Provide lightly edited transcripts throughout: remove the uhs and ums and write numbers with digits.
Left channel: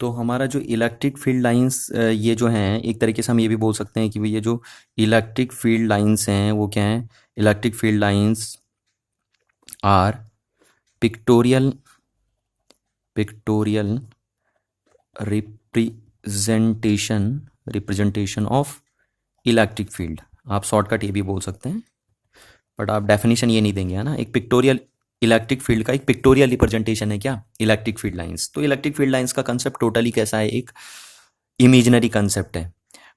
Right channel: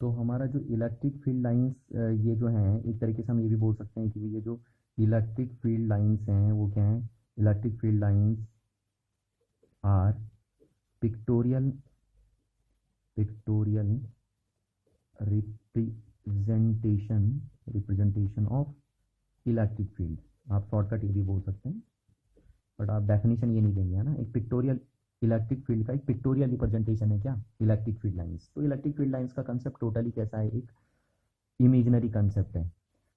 तो हमारा जो इलेक्ट्रिक फील्ड लाइंस ये जो हैं, एक तरीके से हम ये भी बोल सकते हैं कि ये जो इलेक्ट्रिक फील्ड लाइंस हैं वो क्या हैं? Electric field lines are pictorial pictorial representation of electric field. आप शॉर्टकट ये भी बोल सकते हैं, बट आप डेफिनेशन ये नहीं देंगे, है ना। एक पिक्टोरियल इलेक्ट्रिक फील्ड का एक पिक्टोरियल रिप्रेजेंटेशन है क्या? Electric field lines. तो इलेक्ट्रिक फील्ड लाइंस का कंसेप्ट टोटली कैसा है? एक इमेजिनरी कंसेप्ट है।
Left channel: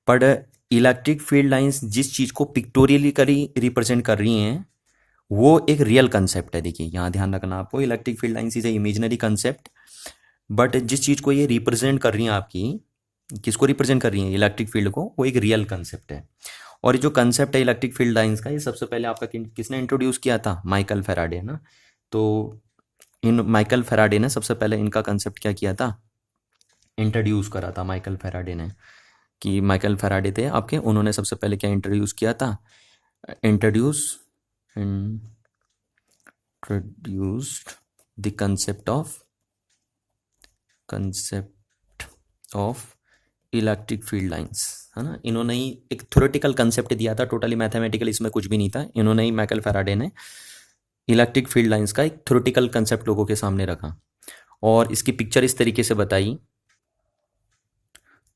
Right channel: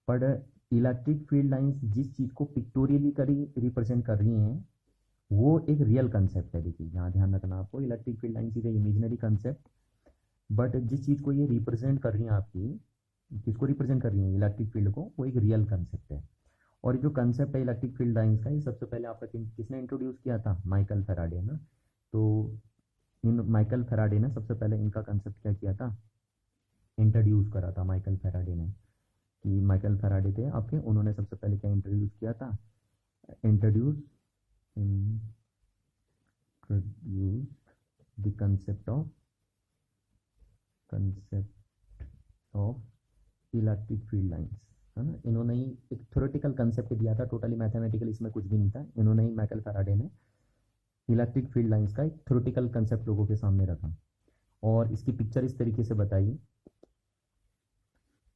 बट इलेक्ट्रिक फील्ड लाइंस जिस चीज़ को पिक्टोरियली रिप्रेजेंट कर रही हैं वो एक रियल कंसेप्ट है। देखिए यहाँ ध्यान रखना आपको, electric field lines is a imaginary concept, but जिस चीज़ को ये रिप्रेजेंट कर रही हैं, आपकी किसको रिप्रेजेंट कर रही हैं? इलेक्ट्रिक फील्ड को। वो एक रियल कंसेप्ट है। और ये जो कंसेप्ट है इलेक्ट्रिक फील्ड लाइंस का, ये सबसे पहले आपका किसने इंट्रोड्यूस किया था? माइकल फेराडे ना। तो इन माइकल फेराडे ने सबसे पहले इनका कंसेप्ट क्या किया था? इंट्रोड्यूस करा था माइकल फेराडे ने। कि माइकल फेराडे थे आपके, उन्होंने सबसे पहले क्या इंट्रोड्यूस किया था? Introduced the concept of electric field lines, है ना। इन्होंने ही एक थ्योरेटिकल कंसेप्ट दिया था, टोटली मैथमेटिकल इसमें कुछ भी नहीं था। इन्होंने ही, माइकल फेराडे ने, इलेक्ट्रिक फील्ड लाइंस का एक थ्योरेटिकल कंसेप्ट लोगों के सामने रखा और इसकी पिक्चर इस तरीके से बताई।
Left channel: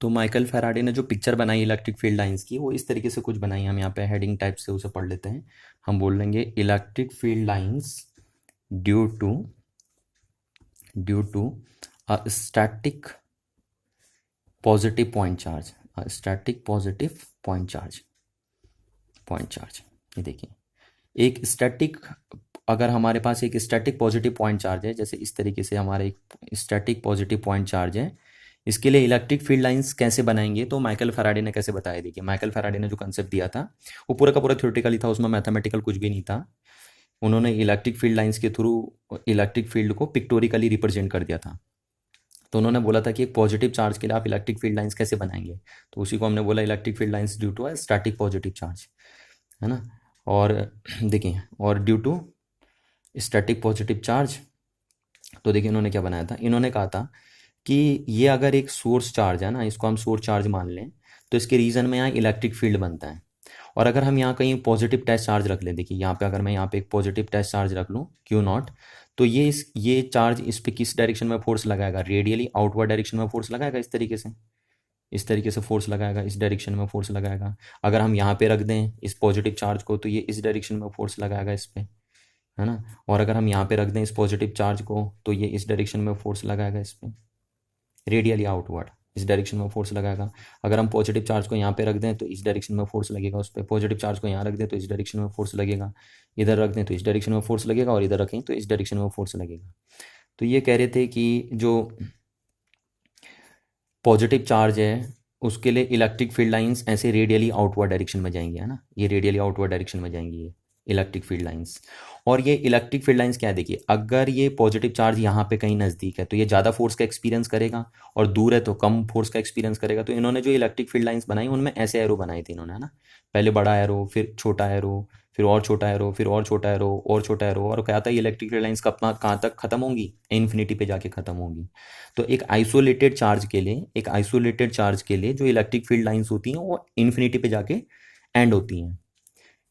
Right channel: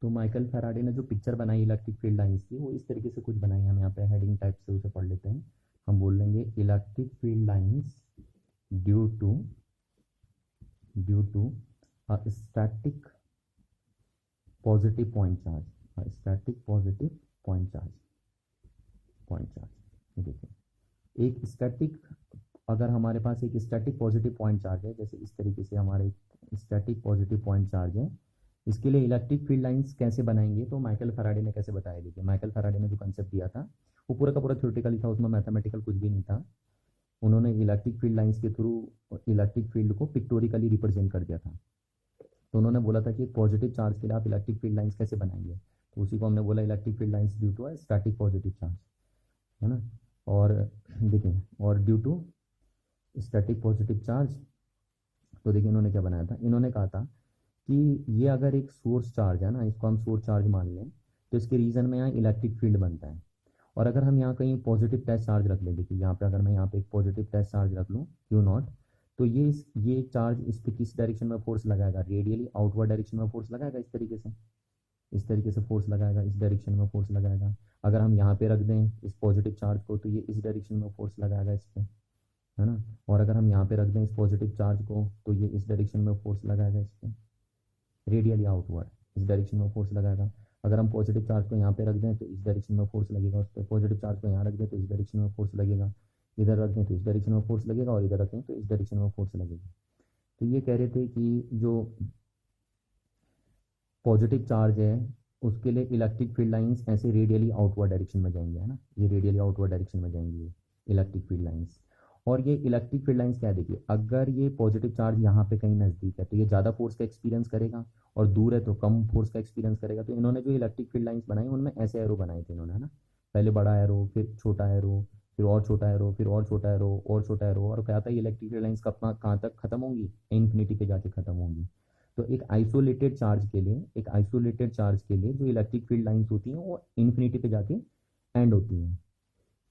तो माइकल फेराडे ने जो पिक्चर बनाई इलेक्ट्रिक फील्ड लाइंस की, वो इस तरीके से कुछ बनाई। हम यहाँ पे हेडिंग टाइप से उसे पढ़ लेते हैं। हम बोल लेंगे electric field lines due to a static positive point charge, static positive point charge. ये देखिए, एक स्टैटिक, अगर हमारे पास एक स्टैटिक पॉजिटिव पॉइंट चार्ज है, जैसे इस तरीके से हमारा एक स्टैटिक पॉजिटिव पॉइंट चार्ज है, इसके लिए इलेक्ट्रिक फील्ड लाइंस कैसे बनाएंगे? तो माइकल फेराडे ने कैसे बताया, देखिए। माइकल फेराडे ने जो कंसेप्ट दिया था वो पूरा का पूरा थ्योरेटिकली था, उसमें मैथमेटिकल कुछ भी नहीं था। उन्होंने इलेक्ट्रिक फील्ड लाइंस के थ्रू इलेक्ट्रिक फील्ड को पिक्टोरिकली रिप्रेजेंट कर दिया था। तो उन्होंने बोला था कि एक पॉजिटिव चार्ज के लिए आप इलेक्ट्रिक फील्ड लाइंस कैसे बनाएंगे? तो उसी को हमने बोला electric field lines due to a static positive charge, है ना। और देखिए, और due to static positive charge, तो देखिए इन्होंने क्या बनाया था। इन्होंने कहा था कि ये अगर एक सोर्स चार्ज है ना, इसको हम सोर्स चार्ज मान लें, तो इसके रीजन में यहाँ इलेक्ट्रिक फील्ड बनता है। और अगर हम यहाँ कहीं पॉजिटिव टेस्ट चार्ज रख लें, देखिए यहाँ पे अगर मैं यहाँ पे एक पॉजिटिव टेस्ट चार्ज रख लूँ Q0, तो ये चार्ज इस पे किस डायरेक्शन में फोर्स लगाएगा? रेडियली आउटवर्ड डायरेक्शन में फोर्स लगाएगा। इस तरीके से फोर्स लगाएगा, इस डायरेक्शन में फोर्स लगाएगा। अगर हम यहाँ पे रख दें इस पॉजिटिव चार्ज को, तो ये इस डायरेक्शन में फोर्स लगाएगा इस पे, है ना। और अगर हम यहाँ पे रख दें इस पॉजिटिव चार्ज को, तो ये इस डायरेक्शन में फोर्स लगाएगा इस पे, रेडियली आउटवर्ड इस डायरेक्शन में फोर्स लगाएगा। अगर हम पॉजिटिव चार्ज को यहाँ पे रख दें तो इस डायरेक्शन में फोर्स लगेगा उस पर। पॉजिटिव चार्ज को यहाँ रख दें तो इस डायरेक्शन में फोर्स लगेगा, इधर रख दें तो इस डायरेक्शन में फोर्स लगेगा, और इधर रखें तो इस डायरेक्शन में फोर्स लगेगा। तो ये कह रहे थे कि जो पॉजिटिव चार्ज है उसके लिए इलेक्ट्रिक फील्ड लाइंस ऐसे रेडियली आउटवर्ड डायरेक्शन में जाएंगी, है ना। ये रेडियली आउटवर्ड डायरेक्शन में जाएंगी ये इलेक्ट्रिक फील्ड लाइंस। और ये इलेक्ट्रिक फील्ड लाइंस क्या है, देखिए, अगर ये पॉजिटिव चार्ज यहाँ पे कहीं नज़दीक है तो ये ज़्यादा फोर्स का एक्सपीरियंस करेगा, और दूर है तो कम फोर्स का एक्सपीरियंस करेगा। तो इन्होंने जो इलेक्ट्रिक फील्ड लाइंस बनाई उनमें ऐसे एरो बनाए थे इन्होंने, है ना। पहले बड़ा एरो, फिर छोटा एरो, फिर और छोटा एरो, फिर और छोटा एरो, और छोटा एरो। और क्या था, ये इलेक्ट्रिक फील्ड लाइंस कहाँ तक खत्म होंगी? इन्फिनिटी पे जाके खत्म होंगी। तो एक आइसोलेटेड चार्ज के लिए जो इलेक्ट्रिक फील्ड लाइंस होती हैं वो इन्फिनिटी पे जाके एंड होती हैं,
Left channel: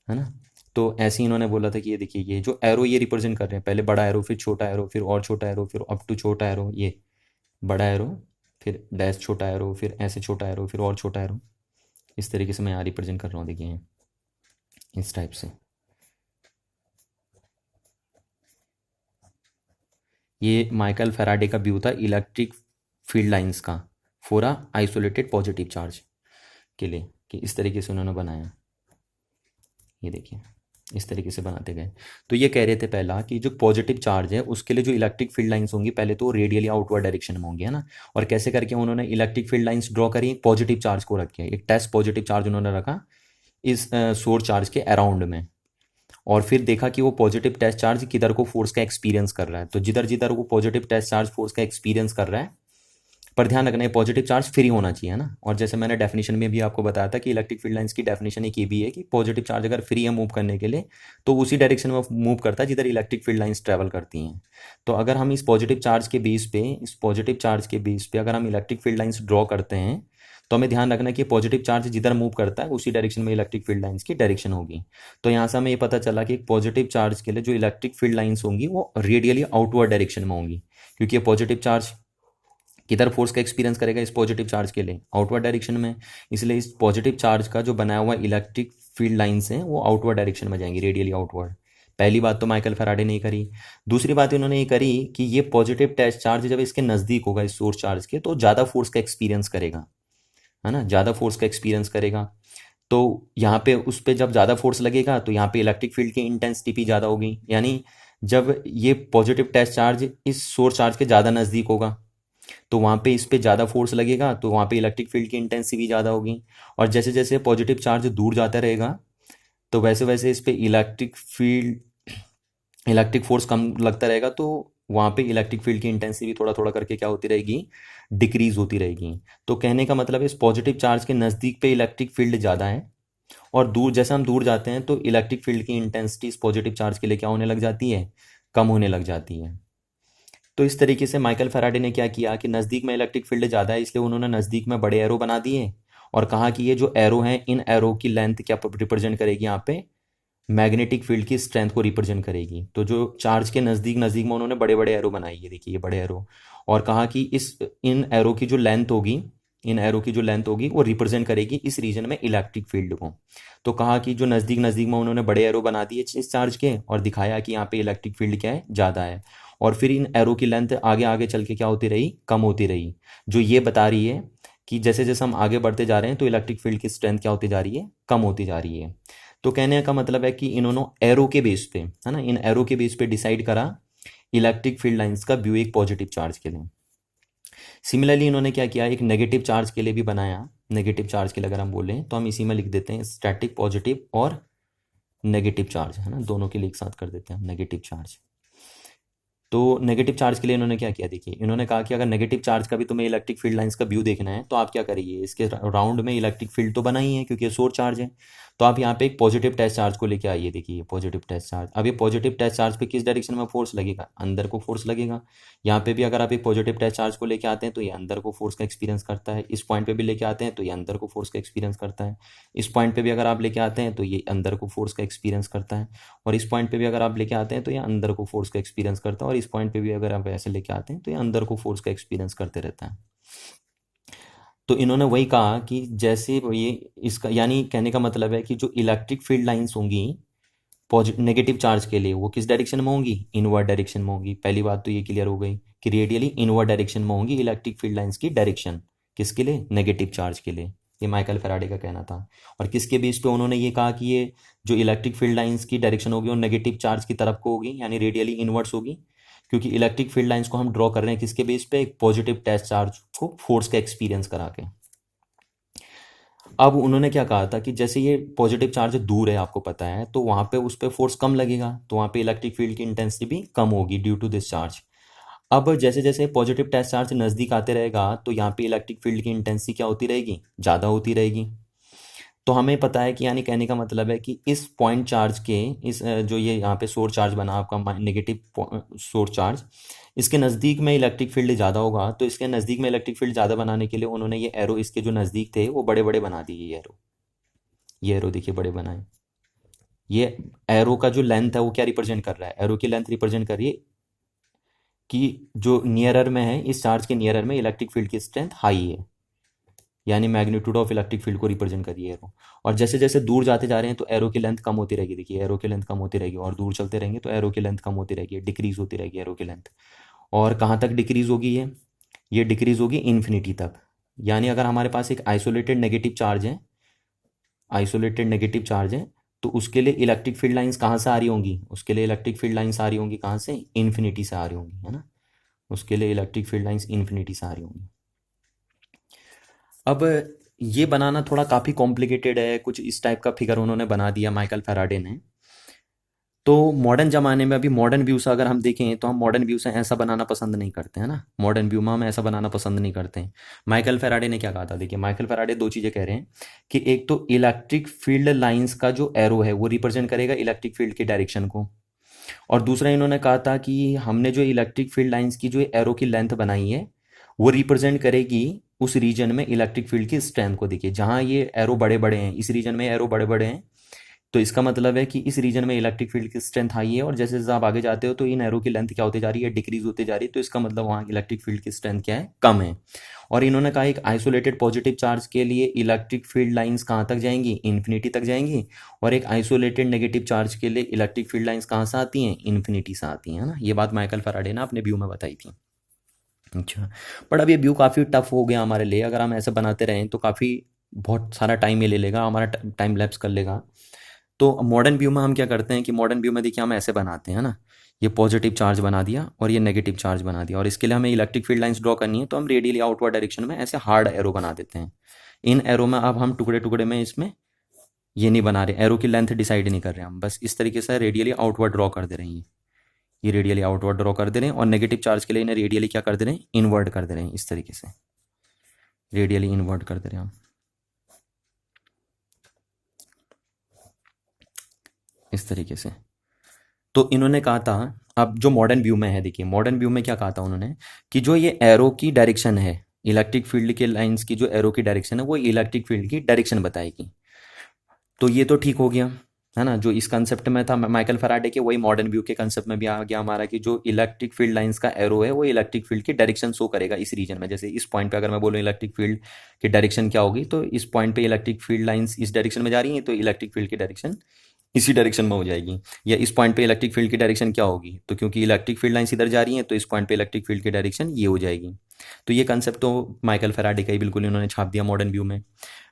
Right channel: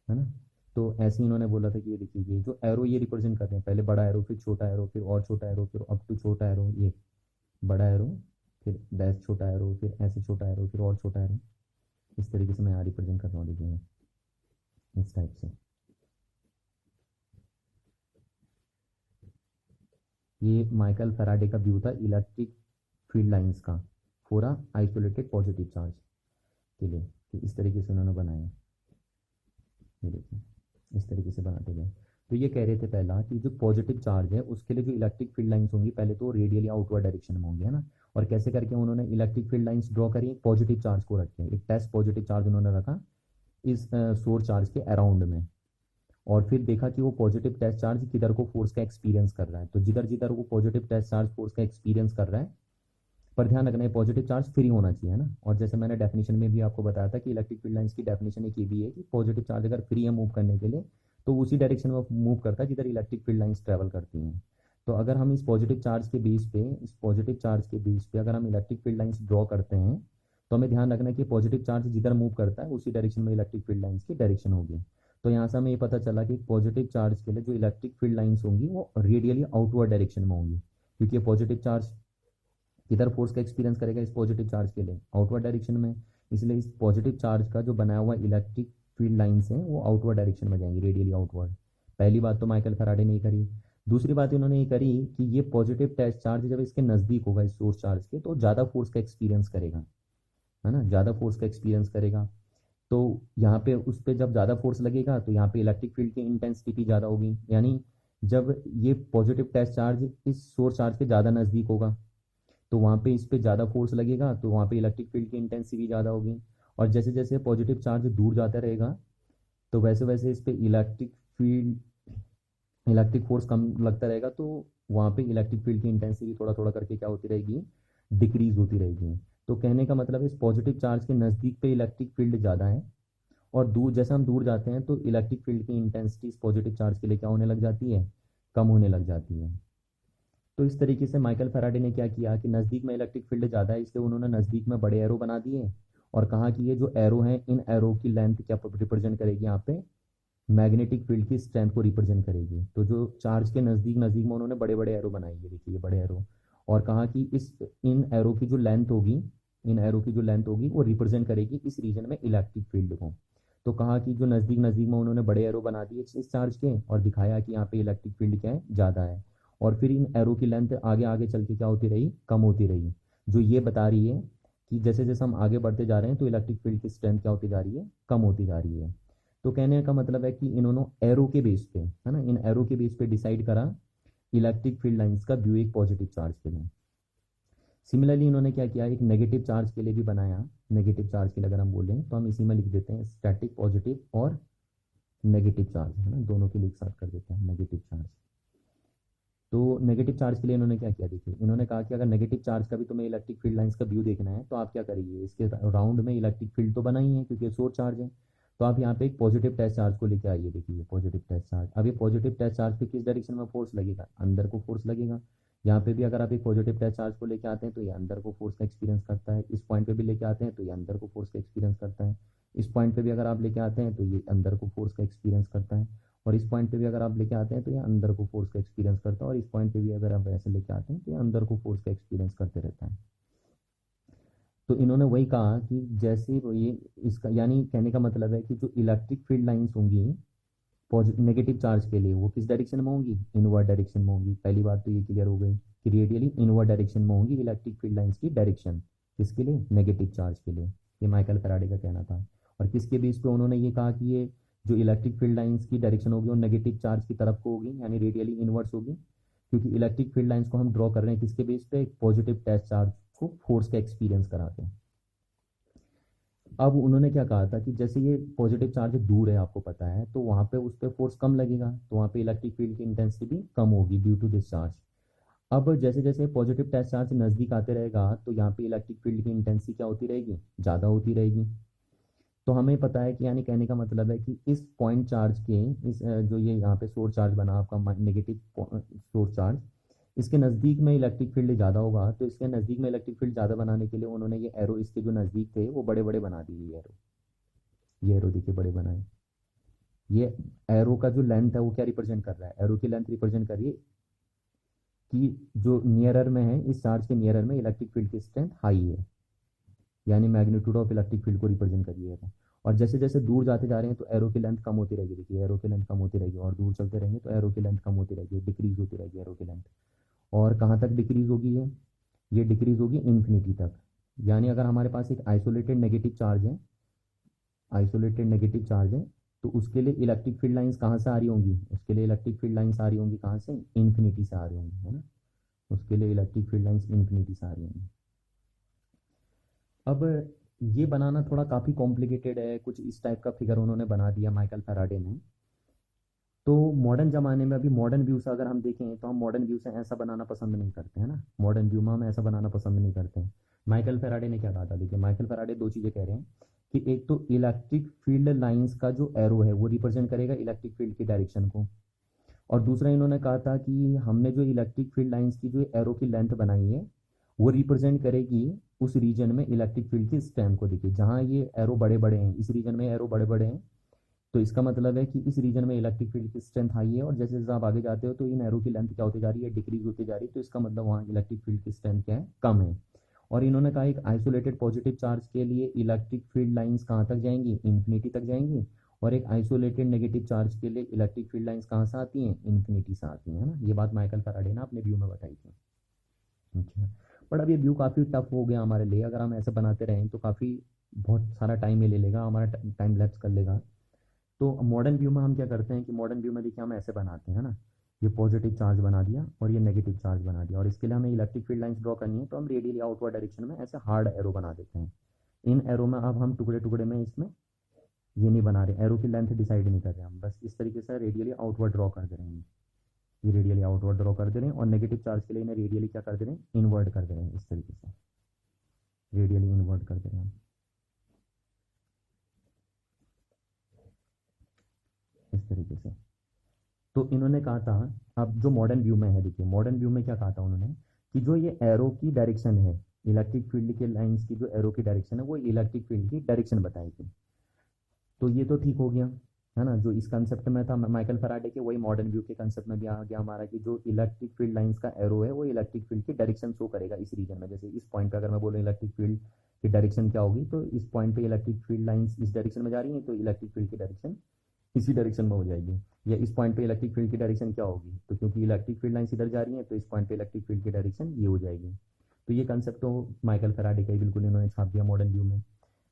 है ना। तो ऐसे ही इन्होंने बोला था कि ये देखिए, ये जो एरो ये रिप्रेजेंट कर रहे हैं, पहले बड़ा एरो, फिर छोटा एरो, फिर और छोटा एरो, फिर अप टू छोटा एरो, ये बड़ा एरो, फिर डैश छोटा एरो, फिर ऐसे छोटा एरो, फिर और छोटा एरो। इस तरीके से मैं यहाँ रिप्रेजेंट कर रहा हूँ, देखिए इस टाइप से। ये माइकल फेराडे का व्यू था इलेक्ट्रिक फील्ड लाइंस का for a isolated positive charge के लिए, कि इस तरीके से उन्होंने बनाया। ये देखिए इस तरीके से बनाते गए। तो ये कह रहे थे पहला कि जो पॉजिटिव चार्ज है उसके लिए जो इलेक्ट्रिक फील्ड लाइंस होंगी, पहले तो रेडियली आउटवर्ड डायरेक्शन में होंगी, है ना। और कैसे करके उन्होंने इलेक्ट्रिक फील्ड लाइंस ड्रॉ करी? एक पॉजिटिव चार्ज को रख के, एक टेस्ट पॉजिटिव चार्ज उन्होंने रखा इस सोर्स चार्ज के अराउंड में, और फिर देखा कि वो पॉजिटिव टेस्ट चार्ज किधर को फोर्स का एक्सपीरियंस कर रहा है। तो जिधर जिधर वो पॉजिटिव टेस्ट चार्ज फोर्स का एक्सपीरियंस कर रहा है, पर ध्यान रखना है पॉजिटिव चार्ज फ्री होना चाहिए, है ना। और जैसे मैंने डेफिनेशन में भी आपको बताया था कि इलेक्ट्रिक फील्ड लाइंस की डेफिनेशन एक ये भी है कि पॉजिटिव चार्ज अगर फ्री है मूव करने के लिए तो उसी डायरेक्शन में मूव करता है जिधर इलेक्ट्रिक फील्ड लाइंस ट्रैवल करती हैं। तो अगर हम इस पॉजिटिव चार्ज के बेस पे अगर हम इलेक्ट्रिक फील्ड लाइंस ड्रॉ करते हैं तो हमें ध्यान रखना है कि पॉजिटिव चार्ज जिधर मूव करता है उसी डायरेक्शन में इलेक्ट्रिक फील्ड लाइंस की डायरेक्शन होगी। तो यहाँ से हमें ये पता चला कि पॉजिटिव चार्ज के लिए जो इलेक्ट्रिक फील्ड लाइंस होंगी वो रेडियली आउटवर्ड डायरेक्शन में होंगी, क्योंकि ये पॉजिटिव चार्ज किधर फोर्स का एक्सपीरियंस करेगा, इस पॉजिटिव चार्ज के लिए आउटवर्ड डायरेक्शन में। इसलिए इस पॉजिटिव चार्ज का जो बनाया हुआ इलेक्ट्रिक फील्ड लाइंस हैं वो आउटवर्ड डायरेक्शन में जाएंगी, रेडियली आउटवर्ड। पहली बात तो माइकल फैराडे ने करी। दूसरी बात इन्होंने ये करी कि ये पॉजिटिव टेस्ट चार्ज जब इसके नज़दीक होगा इस सोर्स चार्ज के तो ज़्यादा फोर्स का एक्सपीरियंस करेगा, है ना, ज़्यादा फोर्स का एक्सपीरियंस करेगा। तो यहाँ पे उस पर जब ज़्यादा फोर्स लगेगा तो यहाँ पे इलेक्ट्रिक फील्ड की इंटेंसिटी भी ज़्यादा होगी, यानी जब ये पॉजिटिव टेस्ट चार्ज इस सोर्स चार्ज के ज़्यादा नज़दीक होगा तो वहाँ पे इस पे ज़्यादा फोर्स लगेगा तो वहाँ पे इलेक्ट्रिक फील्ड की इंटेंसिटी भी ज़्यादा होगी। और जैसे जैसे पॉजिटिव चार्ज दूर जाता रहेगा तो वैसे वैसे इस पे इलेक्ट्रिक फोर्स कम लगता रहेगा, तो वहाँ पे इलेक्ट्रिक फील्ड की इंटेंसिटी भी थोड़ा थोड़ा करके क्या होती रहेगी, डिक्रीज होती रहेगी। तो कहने का मतलब है इस पॉजिटिव चार्ज के नज़दीक पे इलेक्ट्रिक फील्ड ज़्यादा है और दूर जैसे हम दूर जाते हैं तो इलेक्ट्रिक फील्ड की इंटेंसिटी इस पॉजिटिव चार्ज के लिए क्या होने लग जाती है, कम होने लग जाती है। तो इस तरीके से माइकल फैराडे ने क्या किया कि नज़दीक में इलेक्ट्रिक फील्ड ज़्यादा है इसलिए उन्होंने नज़दीक में बड़े एरो बना दिए और कहा कि ये जो एरो हैं इन एरो की लेंथ क्या रिप्रेजेंट करेगी, यहाँ पे मैग्नेटिक फील्ड की स्ट्रेंथ को रिप्रेजेंट करेगी। तो जो चार्ज के नज़दीक नज़दीक में उन्होंने बड़े बड़े एरो बनाई है, देखिए ये बड़े एरो, और कहा कि इन एरो की जो लेंथ होगी वो रिप्रेजेंट करेगी इस रीजन में इलेक्ट्रिक फील्ड को। तो कहा कि जो नज़दीक नज़दीक में उन्होंने बड़े एरो बना दिए इस चार्ज के और दिखाया कि यहाँ पे इलेक्ट्रिक फील्ड क्या है, ज़्यादा है। और फिर इन एरो की लेंथ आगे आगे चल के क्या होती रही, कम होती रही, जो ये बता रही है कि जैसे जैसे हम आगे बढ़ते जा रहे हैं तो इलेक्ट्रिक फील्ड की स्ट्रेंथ क्या होती जा रही है, कम होती जा रही है। तो कहने का मतलब है कि इन्होंने एरो के बेस पे, है ना, इन एरो के बेस पे डिसाइड करा इलेक्ट्रिक फील्ड लाइंस का व्यू एक पॉजिटिव चार्ज के लिए। सिमिलरली इन्होंने क्या किया, एक नेगेटिव चार्ज के लिए भी बनाया। नेगेटिव चार्ज के लिए अगर हम बोलें तो हम इसी में लिख देते हैं स्टैटिक पॉजिटिव और नेगेटिव चार्ज, है ना, दोनों के लिए एक साथ कर देते हैं नेगेटिव चार्ज। तो नेगेटिव चार्ज के लिए इन्होंने क्या किया, देखिए इन्होंने कहा कि अगर नेगेटिव चार्ज का भी तुम्हें इलेक्ट्रिक फील्ड लाइंस का व्यू देखना है तो आप क्या करिए, इसके राउंड में इलेक्ट्रिक फील्ड तो बना ही है क्योंकि ये सोर्स चार्ज है, तो आप यहाँ पे एक पॉजिटिव टेस्ट चार्ज को लेके आइए। देखिए पॉजिटिव टेस्ट चार्ज, अब ये पॉजिटिव टेस्ट चार्ज पे किस डायरेक्शन में फोर्स लगेगा, अंदर को फोर्स लगेगा। यहाँ पे भी अगर आप एक पॉजिटिव टेस्ट चार्ज को लेके आते हैं तो ये अंदर को फोर्स का एक्सपीरियंस करता है, इस पॉइंट पे भी लेके आते हैं तो ये अंदर को फोर्स का एक्सपीरियंस करता है, इस पॉइंट पे भी अगर आप लेके आते हैं तो ये अंदर को फोर्स का एक्सपीरियंस करता है, और इस पॉइंट पे भी अगर आप लेके आते हैं तो ये अंदर को फोर्स का एक्सपीरियंस करता है, और इस पॉइंट पे भी अगर आप ऐसे लेके आते हैं तो ये अंदर को फोर्स का एक्सपीरियंस करते रहता है। तो इन्होंने वही कहा कि जैसे ये इसका यानी कहने का मतलब है कि जो इलेक्ट्रिक फील्ड लाइंस होंगी नेगेटिव चार्ज के लिए वो किस डायरेक्शन में होंगी, इनवर्ड डायरेक्शन में होंगी। पहली बात तो ये क्लियर हो गई कि रेडियली इनवर्ड डायरेक्शन में होंगी इलेक्ट्रिक फील्ड लाइंस की डायरेक्शन, किसके लिए, नेगेटिव चार्ज के लिए। ये माइकल फैराडे का कहना था। और किसके बेस पे उन्होंने ये कहा कि ये जो इलेक्ट्रिक फील्ड लाइंस की डायरेक्शन होगी वो नेगेटिव चार्ज की तरफ को होगी, यानी रेडियली इनवर्ड्स होगी, क्योंकि इलेक्ट्रिक फील्ड लाइंस को हम ड्रॉ कर रहे हैं किसके बेस पे, एक पॉजिटिव टेस्ट चार्ज को फोर्स का एक्सपीरियंस करा के। अब उन्होंने क्या कहा था कि जैसे ये पॉजिटिव चार्ज दूर है आपको पता है तो वहाँ पे उस पर फोर्स कम लगेगा, तो वहाँ पे इलेक्ट्रिक फील्ड की इंटेंसिटी भी कम होगी ड्यू टू दिस चार्ज। अब जैसे जैसे पॉजिटिव टेस्ट चार्ज नज़दीक आते रहेगा तो यहाँ पे इलेक्ट्रिक फील्ड की इंटेंसिटी क्या होती रहेगी, ज़्यादा होती रहेगी। तो हमें पता है कि यानी कहने का मतलब है कि इस पॉइंट चार्ज के जो ये यहाँ पे सोर्स चार्ज बना आपका नेगेटिव सोर्स चार्ज, इसके नज़दीक में इलेक्ट्रिक फील्ड ज़्यादा होगा, तो इसके नज़दीक में इलेक्ट्रिक फील्ड ज़्यादा बनाने के लिए उन्होंने ये एरो इसके जो नज़दीक थे वो बड़े बड़े बना दिए। ये एरो देखिए बड़े बनाए। ये एरो का जो लेंथ है वो क्या रिप्रेजेंट कर रहा है, एरो की लेंथ रिप्रेजेंट कर रही है कि जो नियरर में है, इस चार्ज के नियरर में इलेक्ट्रिक फील्ड की स्ट्रेंथ हाई है, यानी मैग्नीट्यूड ऑफ इलेक्ट्रिक फील्ड को रिप्रेजेंट करिए एरो। और जैसे जैसे दूर जाते जा रहे हैं तो एरो की लेंथ कम होती रहेगी, देखिए एरो की लेंथ कम होती रहेगी, और दूर चलते रहेंगे तो एरो की लेंथ कम होती रहेगी, डिक्रीज होती रहेगी एरो की लेंथ। और कहाँ तक डिक्रीज होगी ये डिक्रीज होगी इन्फिनिटी तक। यानी अगर हमारे पास एक आइसोलेटेड नेगेटिव चार्ज है तो उसके लिए इलेक्ट्रिक फील्ड लाइंस कहाँ से आ रही होंगी, उसके लिए इलेक्ट्रिक फील्ड लाइंस आ रही होंगी कहाँ से, इन्फिनिटी से आ रही होंगी, है ना, उसके लिए इलेक्ट्रिक फील्ड लाइंस इन्फिनिटी से आ रही होंगी। अब ये बनाना थोड़ा काफ़ी कॉम्प्लिकेटेड है, कुछ इस टाइप का फिगर उन्होंने बना दिया माइकल फैराडे ने। तो मॉडर्न ज़माने में अभी मॉडर्न व्यू से अगर हम देखें तो हम मॉडर्न व्यू से ऐसा बनाना पसंद नहीं करते हैं ना, मॉडर्न व्यू में हम ऐसा बनाना पसंद नहीं करते हैं। माइकल फेराडे ने क्या कहा था, देखिए माइकल फेराडे दो चीज़ें कह रहे हैं कि एक तो इलेक्ट्रिक फील्ड लाइंस का जो एरो है वो रिप्रेजेंट करेगा इलेक्ट्रिक फील्ड के डायरेक्शन को, और दूसरा इन्होंने कहा था कि हमने जो इलेक्ट्रिक फील्ड लाइंस की जो एरो की लेंथ बनाई है वो रिप्रेजेंट करेगी उस रीजन में इलेक्ट्रिक फील्ड की स्ट्रेंथ को। देखिए जहाँ ये एरो बड़े बड़े हैं, इस रीजन में एरो बड़े बड़े हैं, तो इसका मतलब है कि इस रीजन में इलेक्ट्रिक फील्ड की स्ट्रेंथ हाई है, और जैसे जैसे आप आगे जाते हो तो इन एरो की लेंथ क्या होती जा रही है, डिक्रीज होती जा रही है, तो इसका मतलब वहाँ इलेक्ट्रिक फील्ड की स्ट्रेंथ क्या है, कम है। और इन्होंने कहा एक आइसोलेटेड पॉजिटिव चार्ज के लिए इलेक्ट्रिक फील्ड लाइंस कहाँ तक जाएंगी, इन्फिनिटी तक जाएंगी, और एक आइसोलेटेड नेगेटिव चार्ज के लिए इलेक्ट्रिक फील्ड लाइंस कहाँ से आती हैं, इन्फिनिटी से आती हैं, है ना। ये बात माइकल फैराडे ने अपने व्यू में बताई थी। अच्छा, बट अब ये व्यू काफ़ी टफ हो गया हमारे लिए, अगर हम ऐसे बनाते रहें तो काफ़ी बहुत सारा टाइम ये ले लेगा, हमारा टाइम लैप्स कर लेगा। तो मॉडर्न व्यू में हम क्या करते हैं कि मॉडर्न व्यू में देखिए हम ऐसे बनाते हैं ना, ये पॉजिटिव चार्ज बना दिया और ये नेगेटिव चार्ज बना दिया, और इसके लिए हमें इलेक्ट्रिक फील्ड लाइंस ड्रॉ करनी है, तो हम रेडियली आउटवर्ड डायरेक्शन में ऐसे हार्ड एरो बना देते हैं। इन एरो में अब हम टुकड़े टुकड़े में इसमें ये नहीं बना रहे, एरो की लेंथ डिसाइड नहीं कर रहे हम, बस इस तरीके से रेडियली आउटवर्ड ड्रॉ कर दे रहे हैं। ये रेडियली आउटवर्ड ड्रॉ कर दे रहे हैं, और नेगेटिव चार्ज के लिए इन्हें रेडियली क्या कर दे रहे हैं, इनवर्ट कर दे रहे हैं, इस तरीके से रेडियली इनवर्ट कर दे रहे हैं हम, इस तरीके से। तो इन्होंने कहा था, अब जो मॉडर्न व्यू में है, देखिए मॉडर्न व्यू में क्या कहा था उन्होंने कि जो ये एरो की डायरेक्शन है, इलेक्ट्रिक फील्ड के लाइंस की जो एरो की डायरेक्शन है वो इलेक्ट्रिक फील्ड की डायरेक्शन बताएगी। तो ये तो ठीक हो गया, है ना, जो इस कंसेप्ट में था माइकल फैराडे के, वही मॉडर्न व्यू के कंसेप्ट में भी आ गया हमारा कि जो इलेक्ट्रिक फील्ड लाइंस का एरो है वो इलेक्ट्रिक फील्ड की डायरेक्शन शो करेगा इस रीजन में। जैसे इस पॉइंट पे अगर मैं बोलूँ इलेक्ट्रिक फील्ड की डायरेक्शन क्या होगी, तो इस पॉइंट पे इलेक्ट्रिक फील्ड लाइंस इस डायरेक्शन में जा रही हैं, तो इलेक्ट्रिक फील्ड की डायरेक्शन इसी डायरेक्शन में हो जाएगी। या इस पॉइंट पे इलेक्ट्रिक फील्ड की डायरेक्शन क्या होगी, तो क्योंकि इलेक्ट्रिक फील्ड लाइंस इधर जा रही हैं तो इस पॉइंट पे इलेक्ट्रिक फील्ड की डायरेक्शन ये हो जाएगी। तो ये कंसेप्ट तो माइकल फैराडे का ही बिल्कुल इन्होंने छाप दिया मॉडर्न व्यू में।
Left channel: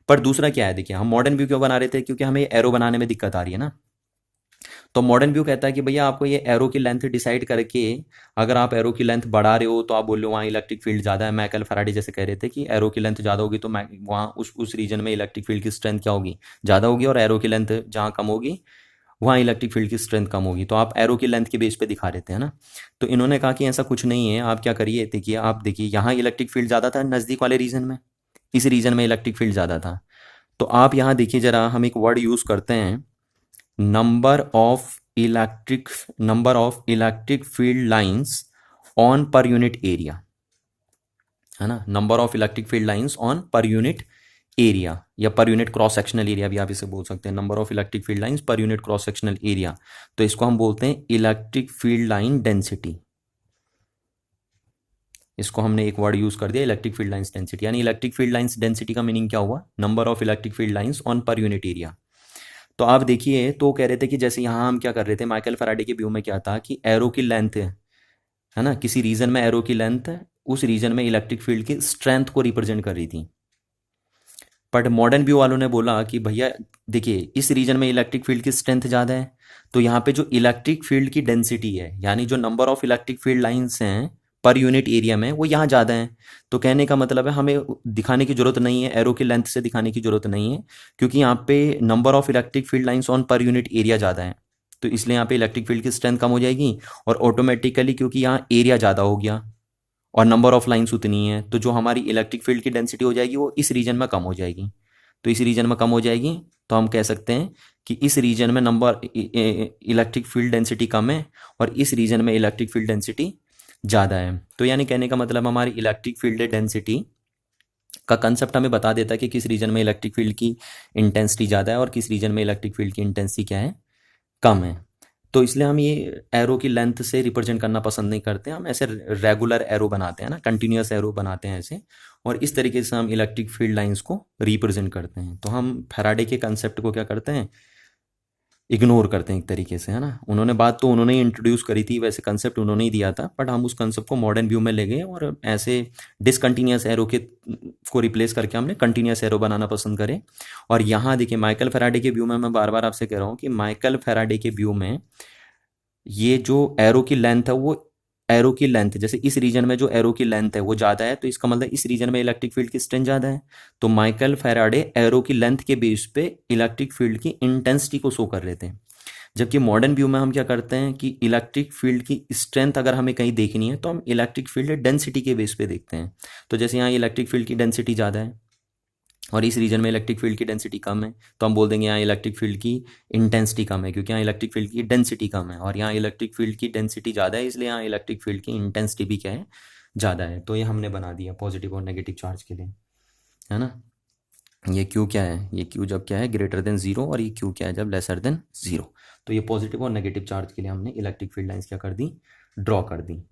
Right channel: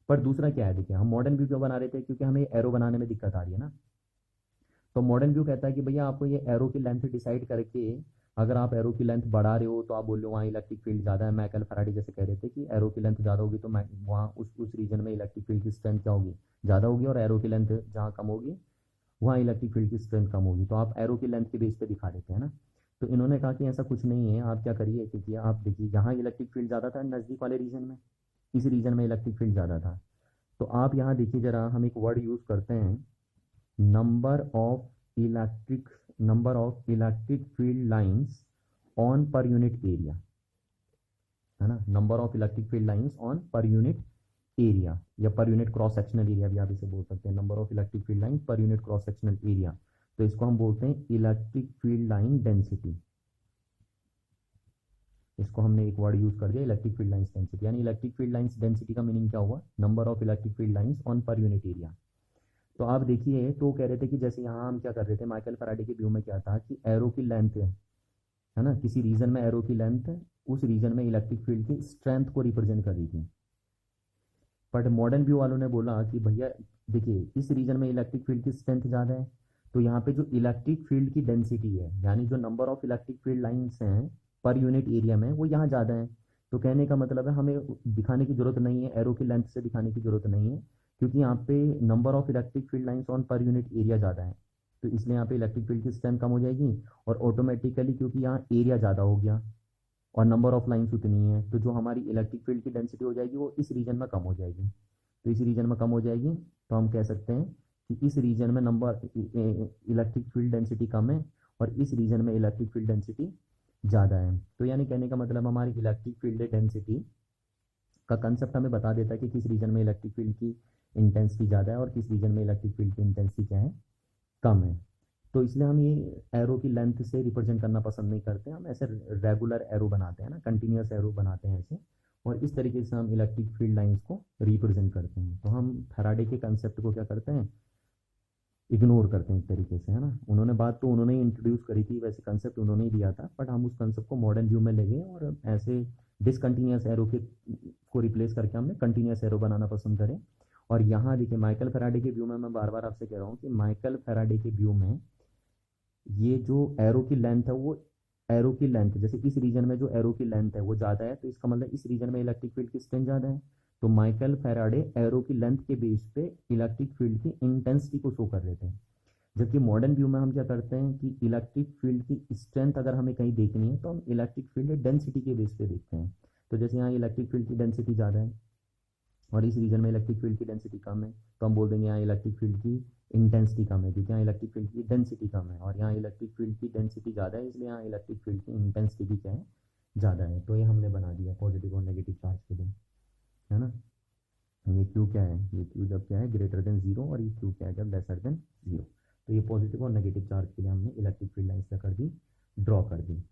पर दूसरा क्या है, देखिए हम मॉडर्न व्यू क्यों बना रहे थे, क्योंकि हमें एरो बनाने में दिक्कत आ रही है ना। तो मॉडर्न व्यू कहता है कि भैया आपको ये एरो की लेंथ डिसाइड करके, अगर आप एरो की लेंथ बढ़ा रहे हो तो आप बोल रहे हो वहाँ इलेक्ट्रिक फील्ड ज़्यादा है। माइकल फैराडे जैसे कह रहे थे कि एरो की लेंथ ज़्यादा होगी तो वहाँ उस रीजन में इलेक्ट्रिक फील्ड की स्ट्रेंथ क्या होगी, ज़्यादा होगी, और एरो की लेंथ जहाँ कम होगी वहाँ इलेक्ट्रिक फील्ड की स्ट्रेंथ कम होगी। तो आप एरो की लेंथ के बेस पे दिखा देते हैं ना। तो इन्होंने कहा कि ऐसा कुछ नहीं है, आप क्या करिए, देखिए आप देखिए यहाँ इलेक्ट्रिक फील्ड ज़्यादा था नज़दीक वाले रीजन में, इस रीजन में इलेक्ट्रिक फील्ड ज़्यादा था। तो आप यहाँ देखिए ज़रा, हम एक वर्ड यूज़ करते हैं, number of electric field lines on per unit area, है ना, number of electric field lines on per unit area, या per unit cross sectional area भी आप इसे बोल सकते हैं, number of electric field lines per unit cross sectional area. तो इसको हम बोलते हैं इलेक्ट्रिक फील्ड लाइन डेंसिटी। इसको हमने एक वर्ड यूज कर दिया, इलेक्ट्रिक फील्ड लाइंस डेंसिटी। यानी इलेक्ट्रिक फील्ड लाइंस डेंसिटी का मीनिंग क्या हुआ, number of electric field lines on per unit area. तो आप देखिए, तो कह रहे थे कि जैसे यहाँ हम क्या कर रहे थे, माइकल फैराडे के व्यू में क्या था कि एरो की लेंथ है ना, किसी रीजन में एरो की लेंथ उस रीजन में इलेक्ट्रिक फील्ड की स्ट्रेंथ को रिप्रेजेंट कर रही थी। बट मॉडर्न व्यू वालों ने बोला कि भैया देखिए इस रीजन में इलेक्ट्रिक फील्ड की स्ट्रेंथ ज़्यादा है, तो यहाँ पे जो इलेक्ट्रिक फील्ड की डेंसिटी है, यानी जो number of electric field lines हैं पर यूनिट एरिया में, वो यहाँ ज़्यादा है। तो कहने का मतलब है हमें दिखाने की जरूरत नहीं है, एरो की लेंथ से दिखाने की जरूरत नहीं है, क्योंकि यहाँ पे number of electric field lines on per unit area ज़्यादा है, तो इसलिए यहाँ पे इलेक्ट्रिक फील्ड की स्ट्रेंथ कम हो जाएगी, और ऑटोमेटिकली क्योंकि यहाँ एरिया ज़्यादा हो गया और नंबर ऑफ लाइंस उतनी है, तो जो हमारी इलेक्ट्रिक फील्ड की डेंसिटी हो जाएगी वो इस रीजन में कम हो जाएगी। तो इस रीजन में कम हो जाएगी, तो हम कह सकते हैं कि इस रीजन में नंबर इलेक्ट्रिक फील्ड डेंसिटी कम है और इस रीजन में इलेक्ट्रिक फील्ड डेंसिटी ज़्यादा है। तो यानी कहने का मतलब हमारी इलेक्ट्रिक फील्ड डेंसिटी का कंसेप्ट हमें बता देता है कि किस रीजन में इलेक्ट्रिक फील्ड की इंटेंसिटी ज़्यादा है और किस रीजन में इलेक्ट्रिक फील्ड की इंटेंसिटी क्या है, कम है। तो इसलिए हम ये एरो की लेंथ से रिप्रेजेंट करना पसंद नहीं करते, हम ऐसे रेगुलर एरो बनाते हैं ना, कंटिन्यूस एरो बनाते हैं ऐसे, और इस तरीके से हम इलेक्ट्रिक फील्ड लाइंस को रिप्रेजेंट करते हैं। तो हम फैराडे के कंसेप्ट को क्या करते हैं, इग्नोर करते हैं एक तरीके से, है ना। उन्होंने बात तो उन्होंने ही इंट्रोड्यूस करी थी, वैसे कंसेप्ट उन्होंने ही दिया था, बट हम उस कंसेप्ट को मॉडर्न व्यू में ले गए और ऐसे डिसकंटिन्यूस एरो के को रिप्लेस करके हमने कंटिन्यूस एरो बनाना पसंद करे। और यहाँ देखिए माइकल फैराडे के व्यू में, मैं बार बार आपसे कह रहा हूँ कि माइकल फैराडे के व्यू में ये जो एरो की लेंथ है, वो एरो की लेंथ जैसे इस रीजन में जो एरो की लेंथ है वो ज़्यादा है, तो इसका मतलब इस रीजन में इलेक्ट्रिक फील्ड की स्ट्रेंथ ज़्यादा है। तो माइकल फैराडे एरो की लेंथ के बेस पे इलेक्ट्रिक फील्ड की इंटेंसिटी को शो कर रहे थे। जबकि मॉडर्न व्यू में हम क्या करते हैं कि इलेक्ट्रिक फील्ड की स्ट्रेंथ अगर हमें कहीं देखनी है तो हम इलेक्ट्रिक फील्ड डेंसिटी के बेस पे देखते हैं। तो जैसे यहाँ इलेक्ट्रिक फील्ड की डेंसिटी ज़्यादा है और इस रीजन में इलेक्ट्रिक फील्ड की डेंसिटी कम है, तो हम बोल देंगे यहाँ इलेक्ट्रिक फील्ड की इंटेंसिटी कम है, क्योंकि यहाँ इलेक्ट्रिक फील्ड की डेंसिटी कम है, और यहाँ इलेक्ट्रिक फील्ड की डेंसिटी ज़्यादा है, इसलिए यहाँ इलेक्ट्रिक फील्ड की इंटेंसिटी भी क्या है, ज़्यादा है। तो ये हमने बना दिया पॉजिटिव और नेगेटिव चार्ज के लिए, है ना। ये क्यू क्या है, ये क्यू जब क्या है ग्रेटर देन जीरो, और ये क्यू क्या है जब लेसर देन जीरो। तो ये पॉजिटिव और नेगेटिव चार्ज के लिए हमने इलेक्ट्रिक फील्ड लाइंस क्या कर दी, ड्रॉ कर दी।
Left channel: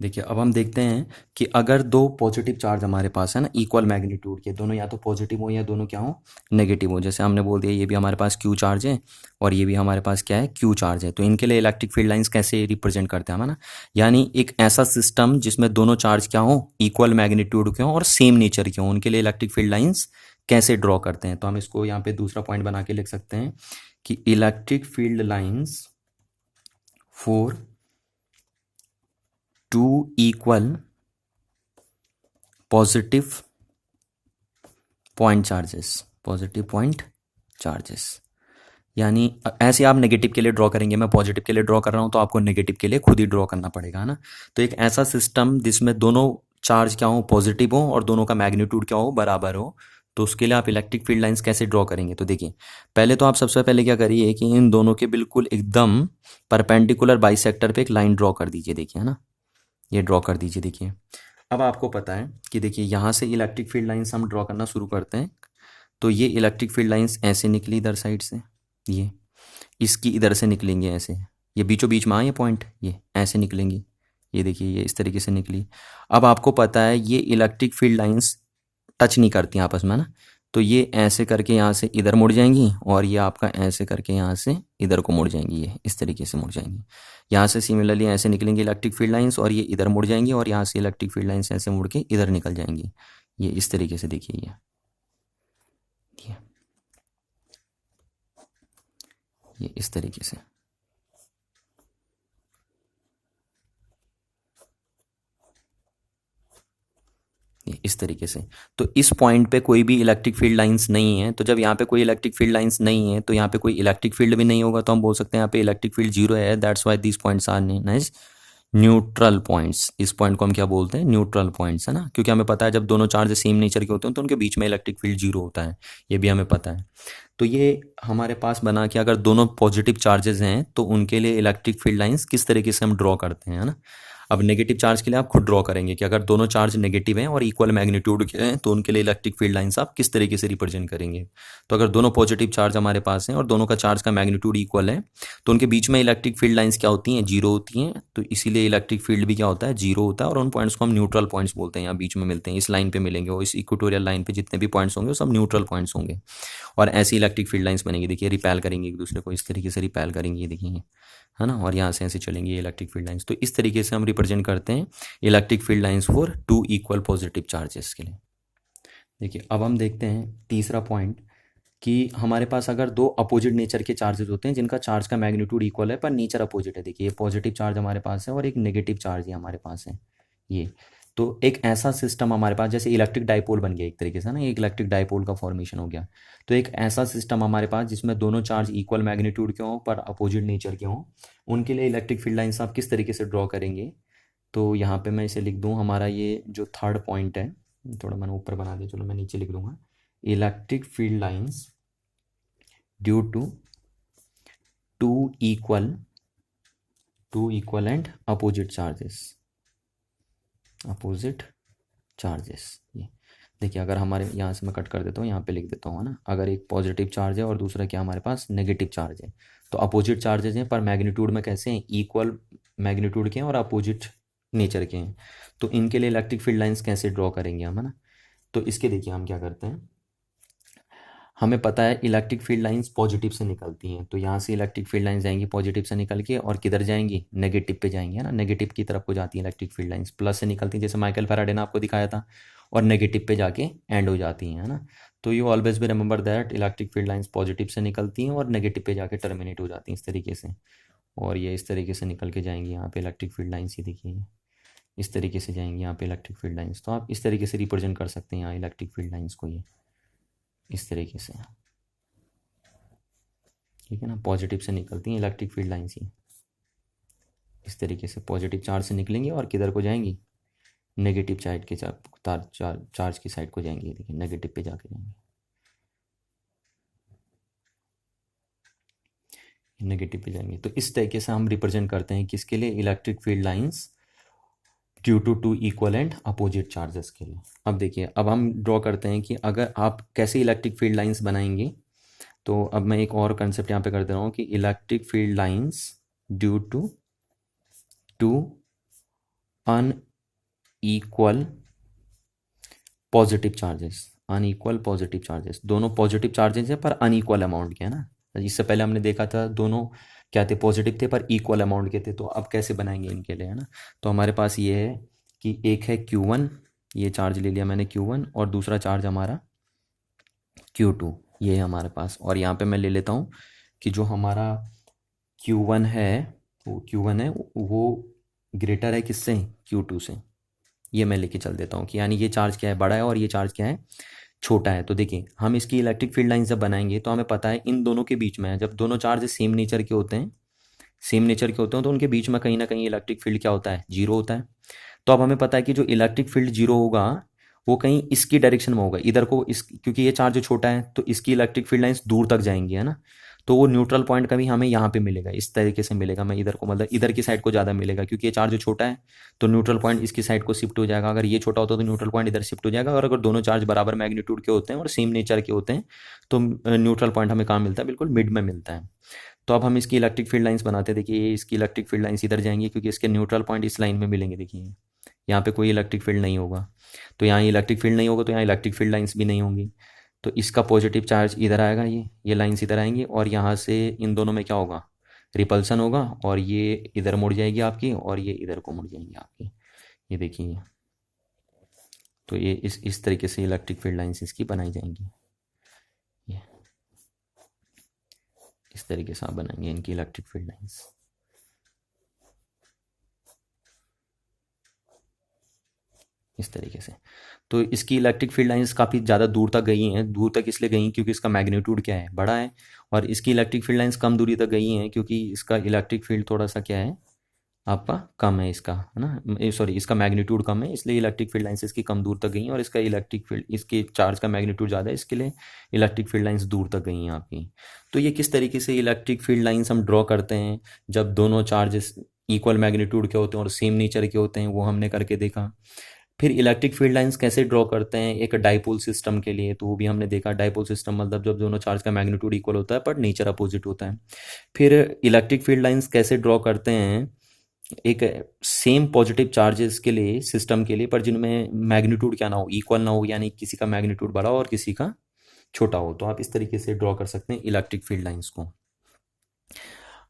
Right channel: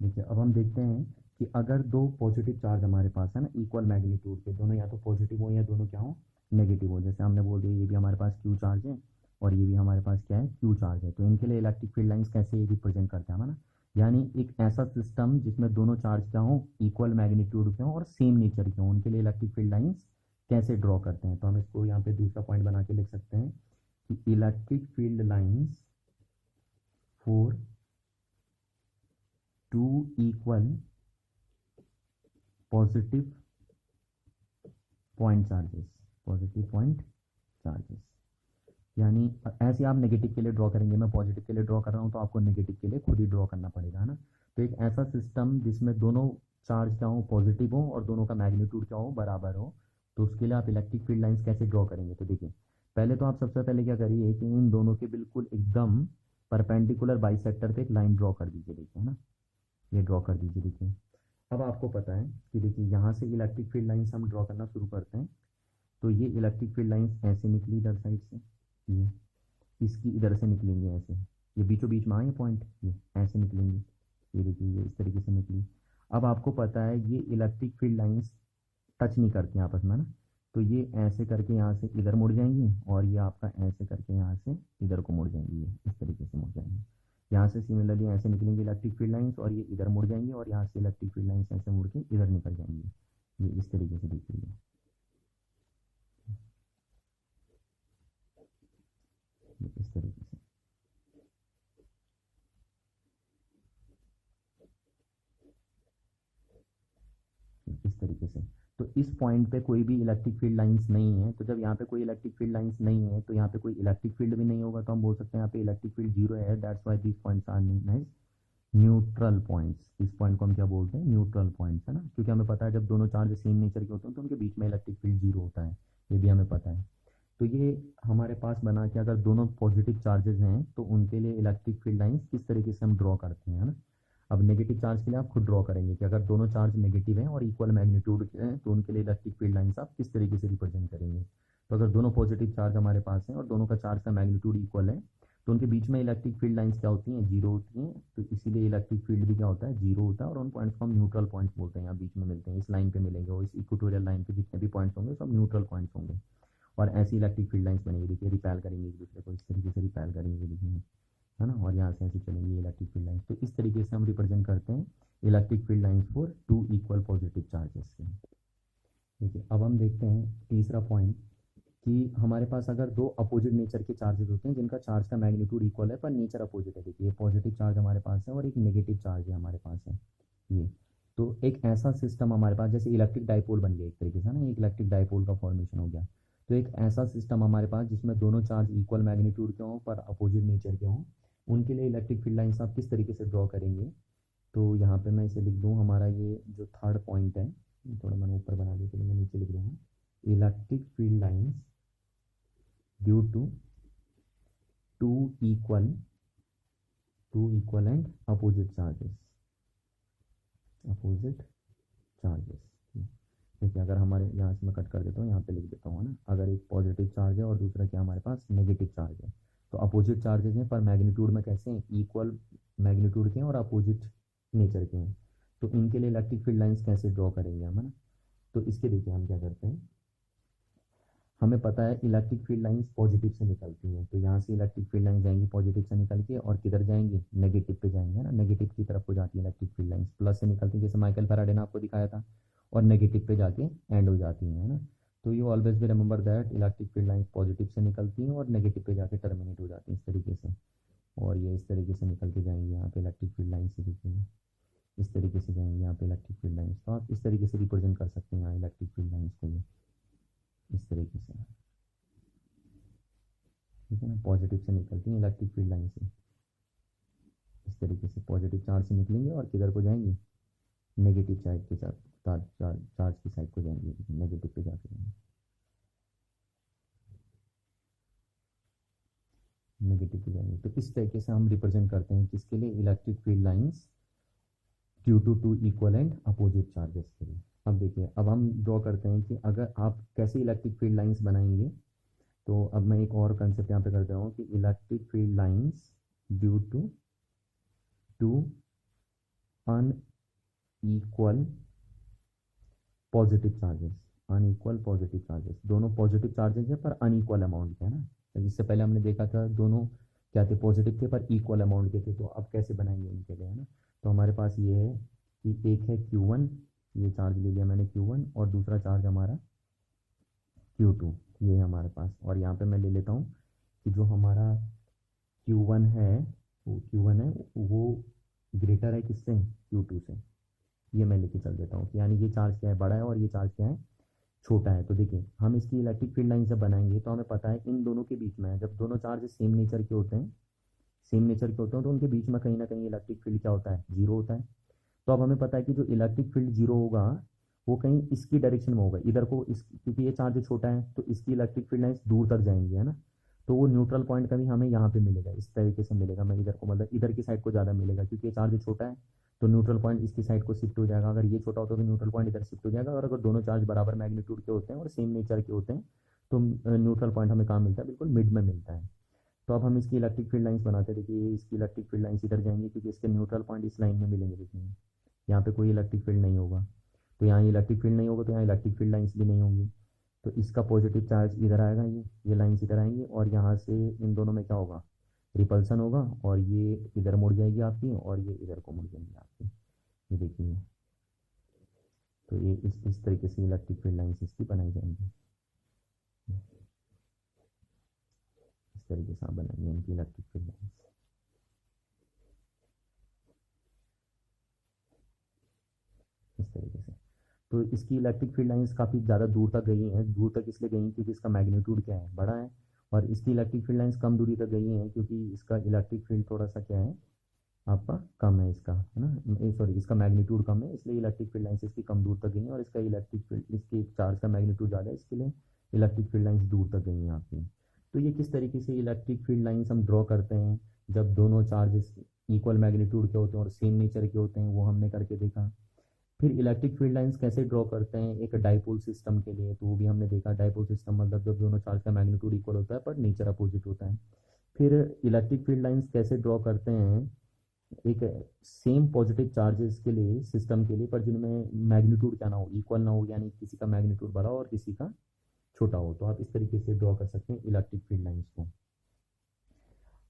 देखिए अब हम देखते हैं कि अगर दो पॉजिटिव चार्ज हमारे पास है ना, इक्वल मैग्नीट्यूड के, दोनों या तो पॉजिटिव हो या दोनों क्या हो, नेगेटिव हो। जैसे हमने बोल दिया ये भी हमारे पास क्यू चार्ज है और ये भी हमारे पास क्या है, क्यू चार्ज है। तो इनके लिए इलेक्ट्रिक फील्ड लाइंस कैसे रिप्रेजेंट करते हैं हम, है ना, यानी एक ऐसा सिस्टम जिसमें दोनों चार्ज क्या हो, इक्वल मैग्नीट्यूड के हों और सेम नेचर के हों, उनके लिए इलेक्ट्रिक फील्ड लाइंस कैसे ड्रॉ करते हैं। तो हम इसको यहाँ पे दूसरा पॉइंट बना के लिख सकते हैं कि electric field lines for two equal positive point charges, positive point charges, यानी ऐसे आप नेगेटिव के लिए ड्रॉ करेंगे, मैं पॉजिटिव के लिए ड्रॉ कर रहा हूँ तो आपको नेगेटिव के लिए खुद ही ड्रॉ करना पड़ेगा, है ना। तो एक ऐसा सिस्टम जिसमें दोनों चार्ज क्या हो, पॉजिटिव हो, और दोनों का मैग्नीट्यूड क्या हो, बराबर हो, तो उसके लिए आप इलेक्ट्रिक फील्ड लाइंस कैसे ड्रॉ करेंगे। तो देखिए पहले तो आप सबसे पहले क्या करिए कि इन दोनों के बिल्कुल एकदम परपेंडिकुलर बाइसेक्टर पे एक लाइन ड्रॉ कर दीजिए, देखिए, है ना, ये ड्रॉ कर दीजिए। देखिए अब आपको पता है कि देखिए यहाँ से इलेक्ट्रिक फील्ड लाइंस हम ड्रॉ करना शुरू करते हैं, तो ये इलेक्ट्रिक फील्ड लाइंस ऐसे निकली इधर साइड से, ये इसकी इधर से निकलेंगे ऐसे, ये बीचों बीच में आए ये पॉइंट, ये ऐसे निकलेंगी, ये देखिए ये इस तरीके से निकली। अब आपको पता है ये इलेक्ट्रिक फील्ड लाइंस टच नहीं करती आपस में ना, तो ये ऐसे करके यहाँ से इधर मुड़ जाएंगी और ये आपका ऐसे करके यहाँ से इधर को मुड़ जाएंगी, ये इस तरीके से मुड़ जाएंगी। यहाँ से सिमिलरली ऐसे निकलेंगी इलेक्ट्रिक फील्ड लाइंस और ये इधर मुड़ जाएंगी, और यहाँ से इलेक्ट्रिक फील्ड लाइंस ऐसे मुड़ के इधर निकल जाएंगी, ये इस तरीके से। देखिए ये इस तरीके से, ये इस तरीके से। तो इस पॉइंट पे कोई भी इलेक्ट्रिक फील्ड लाइंस नहीं है, तो जब यहाँ पे कोई इलेक्ट्रिक फील्ड लाइंस नहीं है तो यहाँ पे कोई इलेक्ट्रिक फील्ड भी नहीं होगा, तो हम बोल सकते हैं यहाँ पे इलेक्ट्रिक फील्ड जीरो है। That's why this points are known as neutral points. इस पॉइंट को हम क्या बोलते हैं, न्यूट्रल पॉइंट्स, है ना, क्योंकि हमें पता है जब दोनों चार्ज सेम नेचर के होते हैं तो उनके बीच में इलेक्ट्रिक फील्ड जीरो होता है, ये भी हमें पता है। तो ये हमारे पास बना कि अगर दोनों पॉजिटिव चार्जेस हैं तो उनके लिए इलेक्ट्रिक फील्ड लाइंस किस तरीके से हम ड्रॉ करते हैं, है ना। अब नेगेटिव चार्ज के लिए आप खुद ड्रॉ करेंगे कि अगर दोनों चार्ज नेगेटिव हैं और इक्वल मैग्नीट्यूड के हैं तो उनके लिए इलेक्ट्रिक फील्ड लाइंस आप किस तरीके से रिप्रेजेंट करेंगे। तो अगर दोनों पॉजिटिव चार्ज हमारे पास हैं और दोनों का चार्ज का मैग्नीट्यूड इक्वल है तो उनके बीच में इलेक्ट्रिक फील्ड लाइंस क्या होती हैं, जीरो होती हैं। तो इसीलिए इलेक्ट्रिक फील्ड भी क्या होता है, जीरो होता है, और उन पॉइंट्स को हम न्यूट्रल पॉइंट्स बोलते हैं। यहाँ बीच में मिलते हैं, इस लाइन पे मिलेंगे, और इस इक्वेटोरियल लाइन पे जितने भी पॉइंट्स होंगे वो सब न्यूट्रल पॉइंट्स होंगे, और ऐसी इलेक्ट्रिक फील्ड लाइंस बनेंगी। देखिए रिपेल करेंगे एक दूसरे को, इस तरीके से रिपेल करेंगे, ये देखिए, है ना, और यहाँ से ऐसे चलेंगी इलेक्ट्रिक फील्ड लाइंस। तो इस तरीके से हम रिप्रेजेंट करते हैं electric field lines for two equal positive charges के लिए। देखिए अब हम देखते हैं तीसरा पॉइंट कि हमारे पास अगर दो अपोजिट नेचर के चार्जेस होते हैं जिनका चार्ज का मैग्नीट्यूड इक्वल है पर नेचर अपोजिट है। देखिए ये पॉजिटिव चार्ज हमारे पास है और एक नेगेटिव चार्ज ही हमारे पास है, ये। तो एक ऐसा सिस्टम हमारे पास, जैसे इलेक्ट्रिक डाइपोल बन गया एक तरीके से ना, एक इलेक्ट्रिक डाइपोल का फॉर्मेशन हो गया। तो एक ऐसा सिस्टम हमारे पास जिसमें दोनों चार्ज इक्वल मैग्नीट्यूड के हों पर अपोजिट नेचर के हों, उनके लिए इलेक्ट्रिक फील्ड लाइंस आप किस तरीके से ड्रॉ करेंगे। तो यहाँ पे मैं इसे लिख दूँ, हमारा ये जो थर्ड पॉइंट है, थोड़ा मैंने ऊपर बना दिया, चलो मैं नीचे लिख दूंगा, electric field lines due to two equal and opposite charges. ये देखिए अगर हमारे यहाँ से मैं कट कर देता हूँ, यहाँ पे लिख देता हूँ, है ना, अगर एक पॉजिटिव चार्ज है और दूसरा क्या हमारे पास नेगेटिव चार्ज है, तो अपोजिट चार्जेस हैं पर मैग्नीट्यूड में कैसे हैं, इक्वल मैग्नीट्यूड के हैं और अपोजिट नेचर के हैं। तो इनके लिए इलेक्ट्रिक फील्ड लाइंस कैसे ड्रॉ करेंगे हम, है ना। तो इसके देखिए हम क्या करते हैं, हमें पता है इलेक्ट्रिक फील्ड लाइंस पॉजिटिव से निकलती हैं, तो यहाँ से इलेक्ट्रिक फील्ड लाइंस जाएंगी पॉजिटिव से निकल के, और किधर जाएंगी, नेगेटिव पे जाएंगी, है ना, नेगेटिव की तरफ को जाती है इलेक्ट्रिक फील्ड लाइंस। प्लस से निकलती हैं जैसे माइकल फैराडे ने आपको दिखाया था, और नेगेटिव पे जाके एंड हो जाती हैं, है ना। तो you always be remember that electric field lines positive से निकलती हैं और नेगेटिव पे जाके टर्मिनेट हो जाती हैं इस तरीके से, और ये इस तरीके से निकल के जाएंगी यहाँ पे इलेक्ट्रिक फील्ड लाइंस, ही देखिए इस तरीके से जाएंगी यहाँ पे इलेक्ट्रिक फील्ड लाइंस। तो आप इस तरीके से रिप्रेजेंट कर सकते हैं यहाँ इलेक्ट्रिक फील्ड लाइंस को, ये इस तरीके से। ठीक है ना, पॉजिटिव से निकलती हैं इलेक्ट्रिक फील्ड लाइंस ही। इस तरीके से पॉजिटिव चार्ज से निकलेंगी और किधर को जाएंगी, नेगेटिव साइड के चार्ज की साइड को जाएंगी। देखिए नेगेटिव पे जाके जाएंगी, नेगेटिव पे जाएंगे। तो इस तरीके से हम रिप्रेजेंट करते हैं किसके लिए, electric field lines due to two equal and opposite charges के लिए। अब देखिए, अब हम ड्रॉ करते हैं कि अगर आप कैसे इलेक्ट्रिक फील्ड लाइंस बनाएंगे। तो अब मैं एक और कंसेप्ट यहाँ पे कर दे रहा हूँ कि electric field lines due to two unequal positive charges, unequal positive charges, दोनों पॉजिटिव चार्जेस हैं पर अनइक्वल अमाउंट के, है ना। इससे पहले हमने देखा था दोनों क्या थे, पॉजिटिव थे पर इक्वल अमाउंट के थे। तो अब कैसे बनाएंगे इनके लिए, है ना। तो हमारे पास ये है कि एक है Q1, ये चार्ज ले लिया मैंने Q1, और दूसरा चार्ज हमारा Q2, ये है हमारे पास। और यहाँ पे मैं ले लेता हूँ कि जो हमारा Q1 है, वो Q1 है वो ग्रेटर है किससे, Q2 से। ये मैं लेके चल देता हूँ कि यानी ये चार्ज क्या है, बड़ा है, और ये चार्ज क्या है, छोटा है। तो देखिए, हम इसकी इलेक्ट्रिक फील्ड लाइन जब बनाएंगे तो हमें पता है इन दोनों के बीच में है, जब दोनों चार्ज सेम नेचर के होते हैं, सेम नेचर के होते हैं, तो उनके बीच में कहीं ना कहीं इलेक्ट्रिक फील्ड क्या होता है, जीरो होता है। तो अब हमें पता है कि जो इलेक्ट्रिक फील्ड जीरो होगा वो कहीं इसकी डायरेक्शन में होगा, इधर को, इस, क्योंकि ये चार्ज छोटा है तो इसकी इलेक्ट्रिक फील्ड लाइंस दूर तक जाएंगी, है ना। तो वो न्यूट्रल पॉइंट कभी हमें यहाँ पे मिलेगा, इस तरीके से मिलेगा। मैं इधर को, मतलब इधर की साइड को ज़्यादा मिलेगा, क्योंकि ये चार्ज छोटा है तो न्यूट्रल पॉइंट इसकी साइड को शिफ्ट हो जाएगा। अगर ये छोटा होता तो न्यूट्रल पॉइंट इधर शिफ्ट हो जाएगा। और अगर दोनों चार्ज बराबर मैग्नीट्यूड के होते हैं और सेम नेचर के होते हैं तो न्यूट्रल पॉइंट हमें कहाँ मिलता है, बिल्कुल मिड में मिलता है। तो अब हम इसकी इलेक्ट्रिक फील्ड लाइंस बनाते हैं। देखिए, ये इसकी इलेक्ट्रिक फील्ड लाइंस इधर जाएंगी क्योंकि इसके न्यूट्रल पॉइंट इस लाइन में मिलेंगे। देखिए यहाँ पे कोई इलेक्ट्रिक फील्ड नहीं होगा, तो यहाँ इलेक्ट्रिक फील्ड नहीं होगा, तो यहाँ इलेक्ट्रिक फील्ड लाइंस भी नहीं होंगी। तो इसका पॉजिटिव चार्ज इधर आएगा, ये लाइंस इधर आएंगी, और यहाँ से इन दोनों में क्या होगा, रिपल्सन होगा, और ये इधर मुड़ जाएगी आपकी, और ये इधर को मुड़ जाएंगी आपकी। ये देखिए, तो ये इस तरीके से इलेक्ट्रिक फील्ड लाइंस इसकी बनाई जाएंगी। ये इस तरीके से आप बनाएंगे इनकी इलेक्ट्रिक फील्ड लाइंस। इस तरीके से। तो इसकी इलेक्ट्रिक फील्ड लाइंस काफ़ी ज़्यादा दूर तक गई हैं। दूर तक इसलिए गई क्योंकि इसका मैग्नीट्यूड क्या है, बड़ा है। और इसकी इलेक्ट्रिक फील्ड लाइंस कम दूरी तक गई हैं क्योंकि इसका इलेक्ट्रिक फील्ड थोड़ा सा क्या है, आपका कम है इसका, है ना, सॉरी, इसका मैग्नीट्यूड कम है, इसलिए इलेक्ट्रिक फील्ड लाइंस इसकी कम दूर तक गई हैं। और इसका इलेक्ट्रिक फील्ड, इसके चार्ज का मैग्नीट्यूड ज़्यादा है, इसके लिए इलेक्ट्रिक फील्ड लाइंस दूर तक गई हैं आपकी। तो ये किस तरीके से इलेक्ट्रिक फील्ड लाइंस हम ड्रॉ करते हैं जब दोनों चार्जेस इक्वल मैग्नीट्यूड के होते हैं और सेम नेचर के होते हैं, वो हमने करके देखा। फिर इलेक्ट्रिक फील्ड लाइंस कैसे ड्रॉ करते हैं एक डाइपोल सिस्टम के लिए, तो वो भी हमने देखा। डाइपोल सिस्टम मतलब जब दोनों चार्ज का मैग्नीट्यूड इक्वल होता है पर नेचर अपोजिट होता है। फिर इलेक्ट्रिक फील्ड लाइंस कैसे ड्रॉ करते हैं एक सेम पॉजिटिव चार्जेस के लिए, सिस्टम के लिए, पर जिनमें मैग्नीट्यूड क्या ना हो, इक्वल ना हो, यानी किसी का मैग्नीट्यूड बड़ा हो और किसी का छोटा हो। तो आप इस तरीके से ड्रॉ कर सकते हैं इलेक्ट्रिक फील्ड लाइंस को।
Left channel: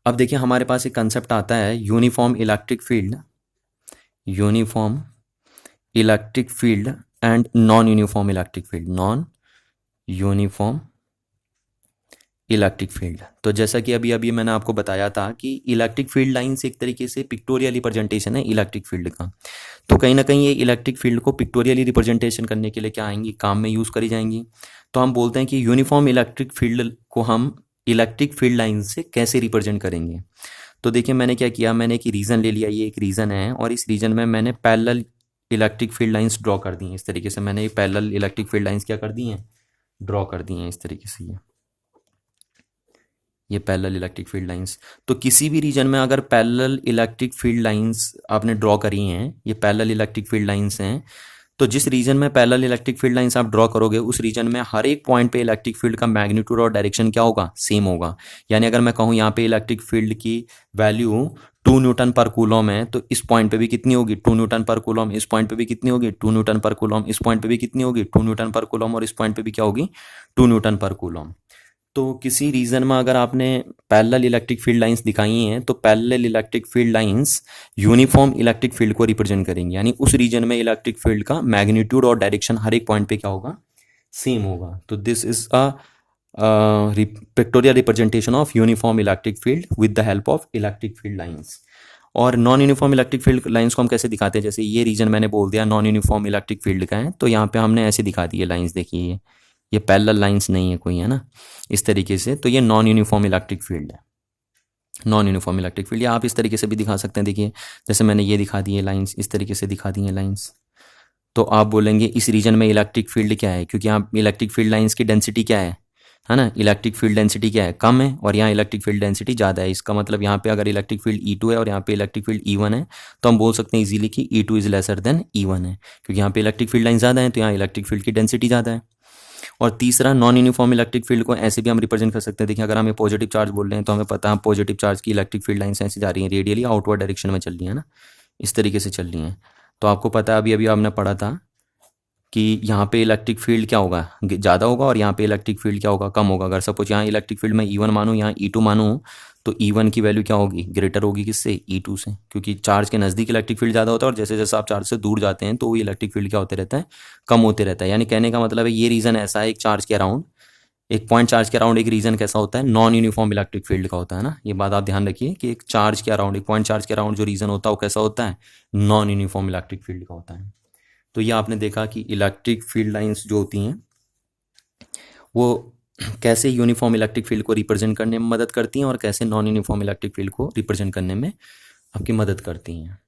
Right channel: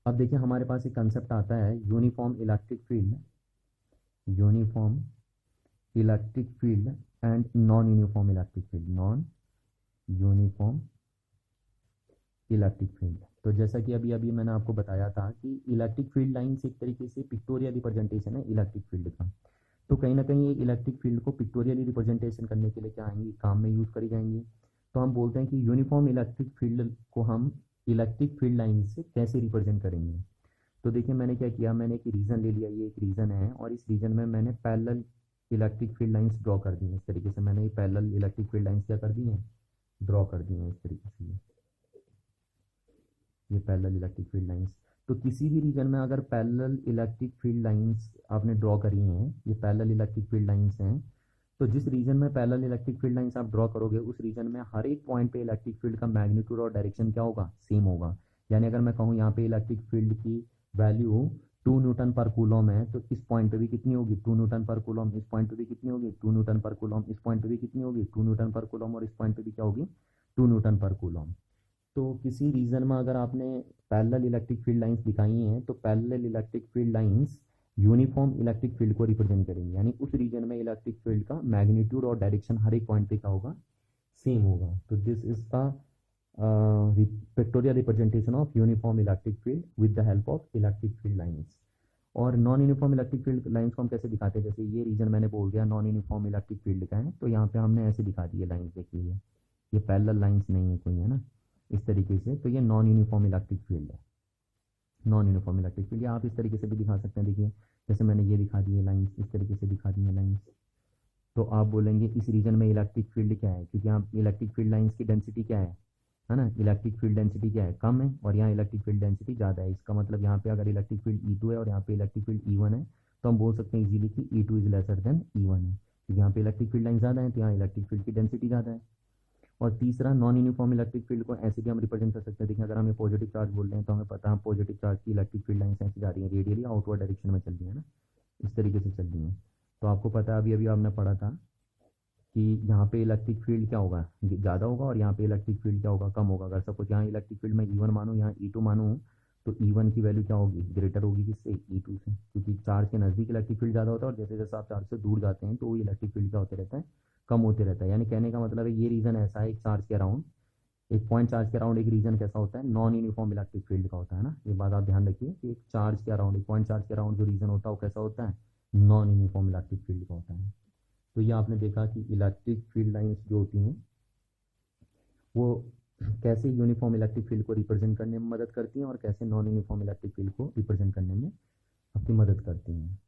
अब देखिए, हमारे पास एक कंसेप्ट आता है uniform electric field, uniform electric field and non uniform electric field, non uniform electric field. तो जैसा कि अभी अभी मैंने आपको बताया था कि इलेक्ट्रिक फील्ड लाइंस एक तरीके से पिक्टोरियल रिप्रेजेंटेशन है इलेक्ट्रिक फील्ड का। तो कहीं ना कहीं ये इलेक्ट्रिक फील्ड को पिक्टोरियली रिप्रेजेंटेशन करने के लिए क्या आएंगी, काम में यूज़ करी जाएंगी। तो हम बोलते हैं कि यूनिफॉर्म इलेक्ट्रिक फील्ड को हम इलेक्ट्रिक फील्ड लाइन से कैसे रिप्रेजेंट करेंगे। तो देखिए, मैंने क्या किया, मैंने एक रीजन ले लिया, ये एक रीजन है, और इस रीजन में मैंने parallel electric field lines draw कर दी हैं। इस तरीके से मैंने पैरेलल इलेक्ट्रिक फील्ड लाइंस क्या कर दी हैं, ड्रॉ कर दी हैं इस तरीके से। ये पैरेलल इलेक्ट्रिक फील्ड लाइंस। तो किसी भी रीजन में अगर पैरेलल इलेक्ट्रिक फील्ड लाइंस आपने ड्रॉ करी हैं, ये पैरेलल इलेक्ट्रिक फील्ड लाइंस हैं, तो जिस रीजन में पैरेलल इलेक्ट्रिक फील्ड लाइंस आप ड्रॉ करोगे उस रीजन में हर एक पॉइंट पे इलेक्ट्रिक फील्ड का मैग्नीट्यूड और डायरेक्शन क्या होगा, सेम होगा। यानी अगर मैं कहूँ यहाँ पे इलेक्ट्रिक फील्ड की वैल्यू 2 न्यूटन पर कूलम है, तो इस पॉइंट पे भी कितनी होगी, 2 न्यूटन पर कूलम। इस पॉइंट पे भी कितनी होगी, 2 न्यूटन पर कूलम। इस पॉइंट पे भी कितनी होगी, 2 न्यूटन पर कूलम। और इस पॉइंट पे भी क्या होगी, 2 न्यूटन पर कूलम। तो किसी रीजन में अगर आपने पैरेलल इलेक्ट्रिक फील्ड लाइंस दिखाई हैं तो parallel electric field lines uniform electric field को रिप्रेजेंट करेंगे। यानी उस रीजन में इलेक्ट्रिक फील्ड का मैग्नीट्यूड और डायरेक्शन हर एक पॉइंट पे क्या होगा, सेम होगा। तो this is a pictorial representation of uniform electric field with the help of electric field lines. और non uniform electric field lines को हम कैसे दिखाते हैं, जैसे ये रीजन मैंने बोल दिया नॉन यूनिफॉर्म इलेक्ट्रिक फील्ड का है, तो यहाँ पे हमने ऐसे दिखा दिए लाइंस। देखिए ये पैरेलल लाइंस नहीं है कोई, है ना, इस तरीके से। तो ये नॉन यूनिफॉर्म इलेक्ट्रिक फील्ड है, नॉन यूनिफॉर्म इलेक्ट्रिक फील्ड। या आप इस तरीके से भी दिखा सकते हैं, देखिए जैसे मैंने ये दिखा दी है लाइंस, इस तरीके से दिखा दी है लाइंस। तो आप बोलेंगे इस रीजन में इलेक्ट्रिक फील्ड क्या है, क्योंकि यहाँ इलेक्ट्रिक फील्ड लाइंस की डेंसिटी क्या है ना, इलेक्ट्रिक फील्ड डेंसिटी क्या है, कम है, और यहाँ इलेक्ट्रिक फील्ड डेंसिटी ज़्यादा है। इसका मतलब यहाँ पे अगर इलेक्ट्रिक फील्ड E2 है और यहाँ पे इलेक्ट्रिक फील्ड E1 है, तो हम बोल सकते हैं इजीली कि E2 is lesser than E1 है, क्योंकि यहाँ पे इलेक्ट्रिक फील्ड लाइन ज़्यादा है, तो यहाँ इलेक्ट्रिक फील्ड की डेंसिटी ज़्यादा है। और तीसरा, नॉन यूनिफॉर्म इलेक्ट्रिक फील्ड को ऐसे भी हम रिप्रेजेंट कर सकते हैं। देखिए अगर हमें पॉजिटिव चार्ज बोल रहे हैं, तो हमें पता है पॉजिटिव चार्ज की इलेक्ट्रिक फील्ड लाइन्स ऐसे जा रही हैं, रेडियली आउटवर्ड डायरेक्शन में चल रही है ना, इस तरीके से चल रही हैं। तो आपको पता है अभी अभी आपने पढ़ा था कि यहाँ पे इलेक्ट्रिक फील्ड क्या होगा, ज़्यादा होगा, और यहाँ पे इलेक्ट्रिक फील्ड क्या होगा, कम होगा। अगर सपोज यहाँ इलेक्ट्रिक फील्ड में E1 मानूँ, यहाँ E2 मानूँ, तो E1 की वैल्यू क्या होगी, ग्रेटर होगी किससे, E2 से, क्योंकि चार्ज के नज़दीक इलेक्ट्रिक फील्ड ज़्यादा होता है, और जैसे जैसे आप चार्ज से दूर जाते हैं तो वो इलेक्ट्रिक फील्ड क्या होते रहता है, कम होते रहता है। यानी कहने का मतलब है ये रीज़न ऐसा है, एक चार्ज के अराउंड, एक पॉइंट चार्ज के अराउंड एक रीजन कैसा होता है, नॉन यूनिफॉर्म इलेक्ट्रिक फील्ड का होता है ना। ये बात आप ध्यान रखिए कि एक चार्ज के अराउंड, एक पॉइंट चार्ज के अराउंड जो रीजन होता है वो कैसा होता है, नॉन यूनिफॉर्म इलेक्ट्रिक फील्ड का होता है। तो ये आपने देखा कि इलेक्ट्रिक फील्ड लाइंस जो होती हैं वो कैसे यूनिफॉर्म इलेक्ट्रिक फील्ड को रिप्रेजेंट करने में मदद करती हैं, और कैसे नॉन यूनिफॉर्म इलेक्ट्रिक फील्ड को रिप्रेजेंट करने में आपकी मदद करती हैं।